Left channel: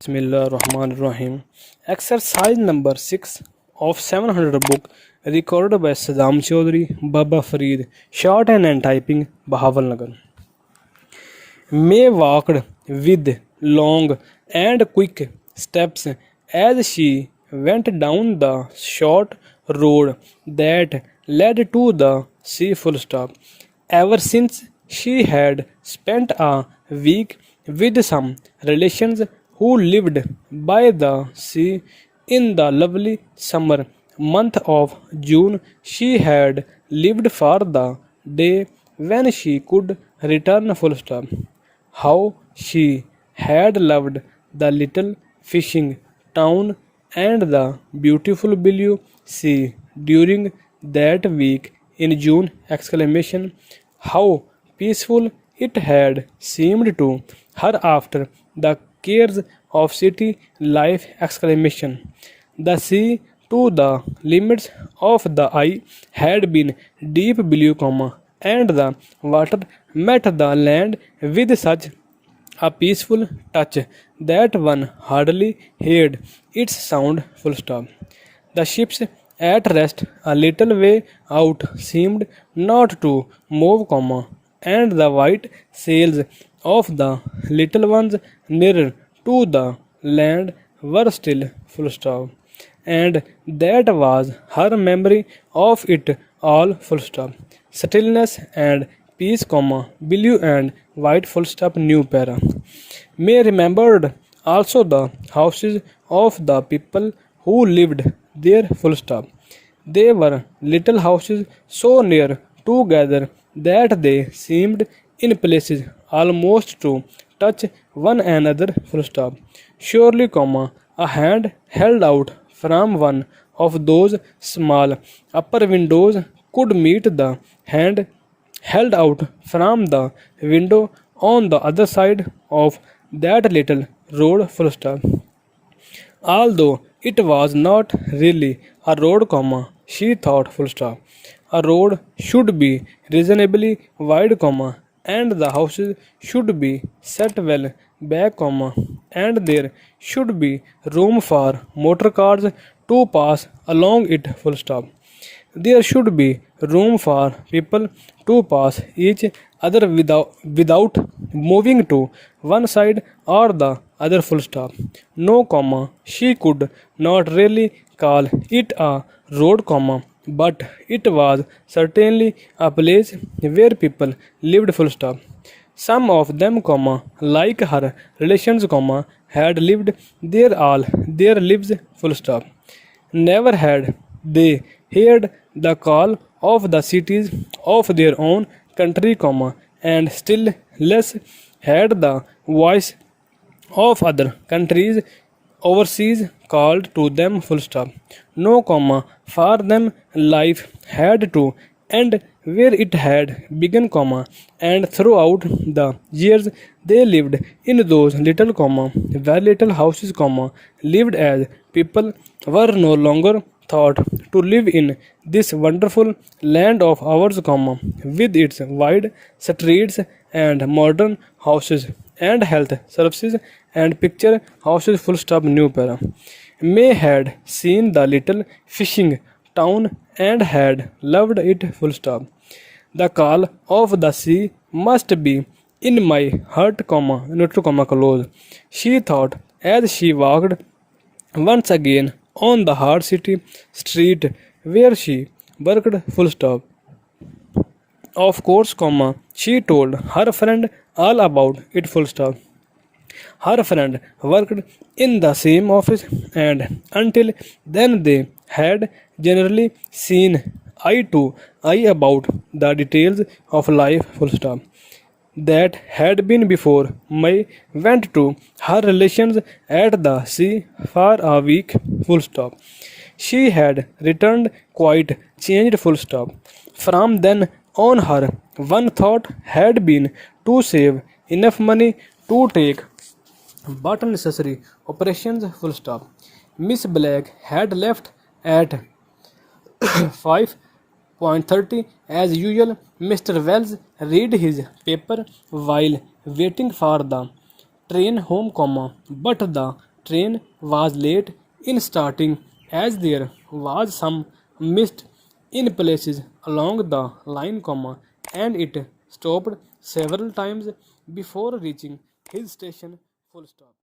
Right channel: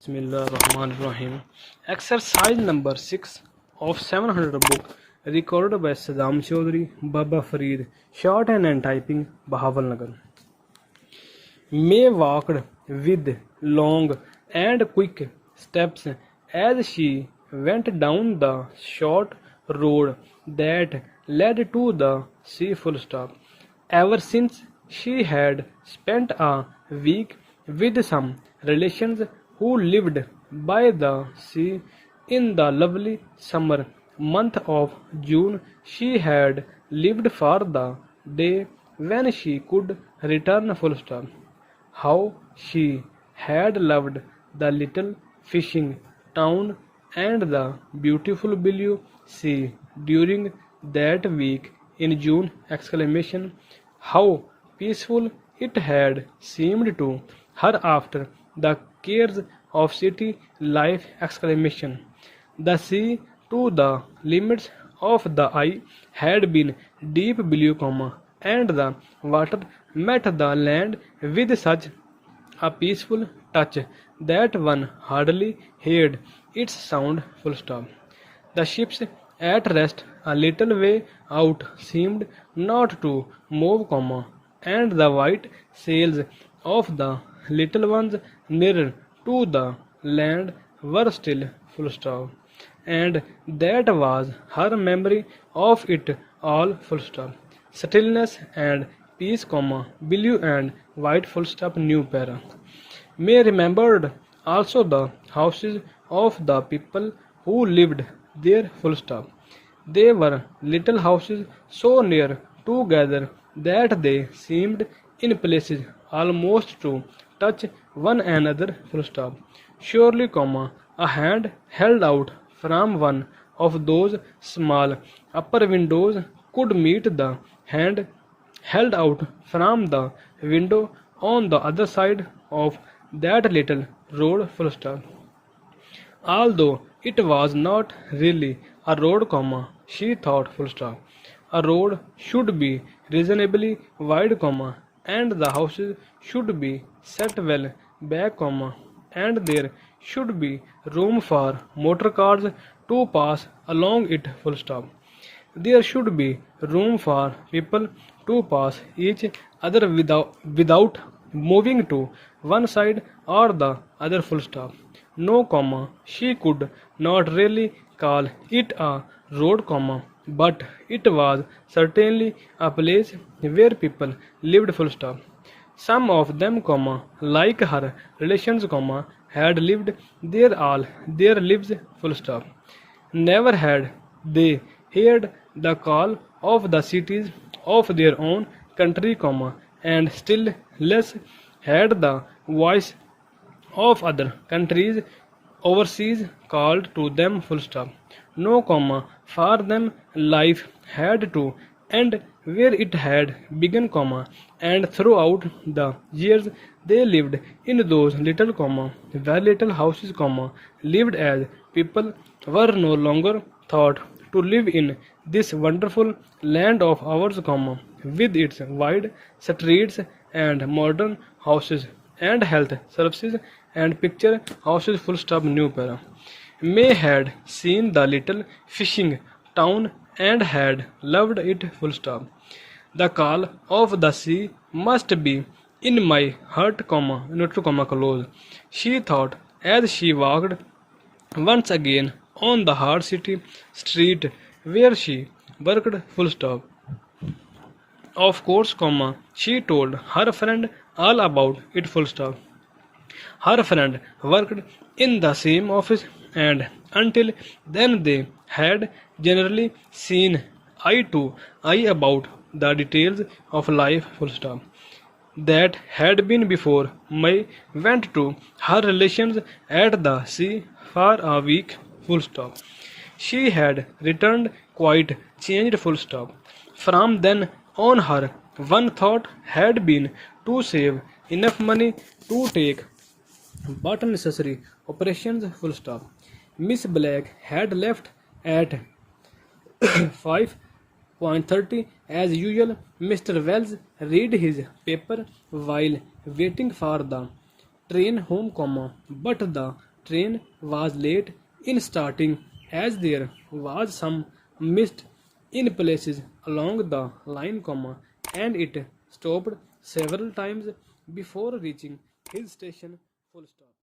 Bismillahirrahmanirrahim. Exercise number 6 of 700 book recorded by Saddam Chaudhry, Baba Farid, Shorthand and Typing, Bahawalngar. May walked with long and quick steps as she went down the short road that led to the sea. Full stop. Ever since she had spent a week with some relations who lived by the sea in the lovely summer month of June, she had lived for the day when she could return. Full stop. How she had loved the little fishing town and the beautiful blue sea during that week in June! Exclamation. How peaceful it had seemed to her after the cares of city life! Exclamation. The sea to the limits of the eye had been deep blue, and the water met the land with such a peaceful touch that one hardly heard its sound. Full stop. The ships at rest a little way out seemed not to move, and the white sails of the little ones nearer to the land were still. Full stop. And that was her memory of it all. Full stop. Stillness and peace, blue and white. Full stop. New para. May remembered also the houses of the people who lived there. Full stop. They were little houses so near together that they seemed in places almost to touch one another. Full stop. Surely, a hand held out from one of those small upper windows could meet the hand held out from the window on the other side of that little road. Full stop. Although it was not really a road, she thought. Full stop. A road should be reasonably wide, and the houses should be set well back, and there should be room for motor cars to pass along it. Full stop. There should be room for people to pass each other without moving to one side or the other. Full stop. No, she could not really call it a road, but it was certainly a place where people lived. Full stop. Some of them, like her relations, had lived there all their lives. Full stop. Never had they heard the call of the cities of their own country, and still less had the voice of other countries overseas called to them. Full stop. No, for them life had to end where it had begun, and throughout the years they lived in those little, very little houses, lived as people were no longer thought to live in this wonderful land of ours, with its wide streets and modern houses and health services and picture houses. Full stop. New para. May had seen the little fishing town and had loved it. Full stop. The call of the sea must be in my heart, neutral, close. She thought as she walked once again on the hard city street where she worked. Full stop. Of course, she told her friend all about it. Full stop. Her friend worked in the same office, and until then they had generally seen eye to eye about the details of life. Full stop. That had been before May went to her relations at the sea for a week. Full stop. She had returned quite changed. Full stop. From then on, her one thought had been to save enough money to take but necessary operations. Full stop. Miss Black had left at 5:30 as usual. Mr. Wells read his paper while waiting for the train home, but the train was late in starting as there was some mist in places along the line, and it stopped several times before reaching his station. Full stop.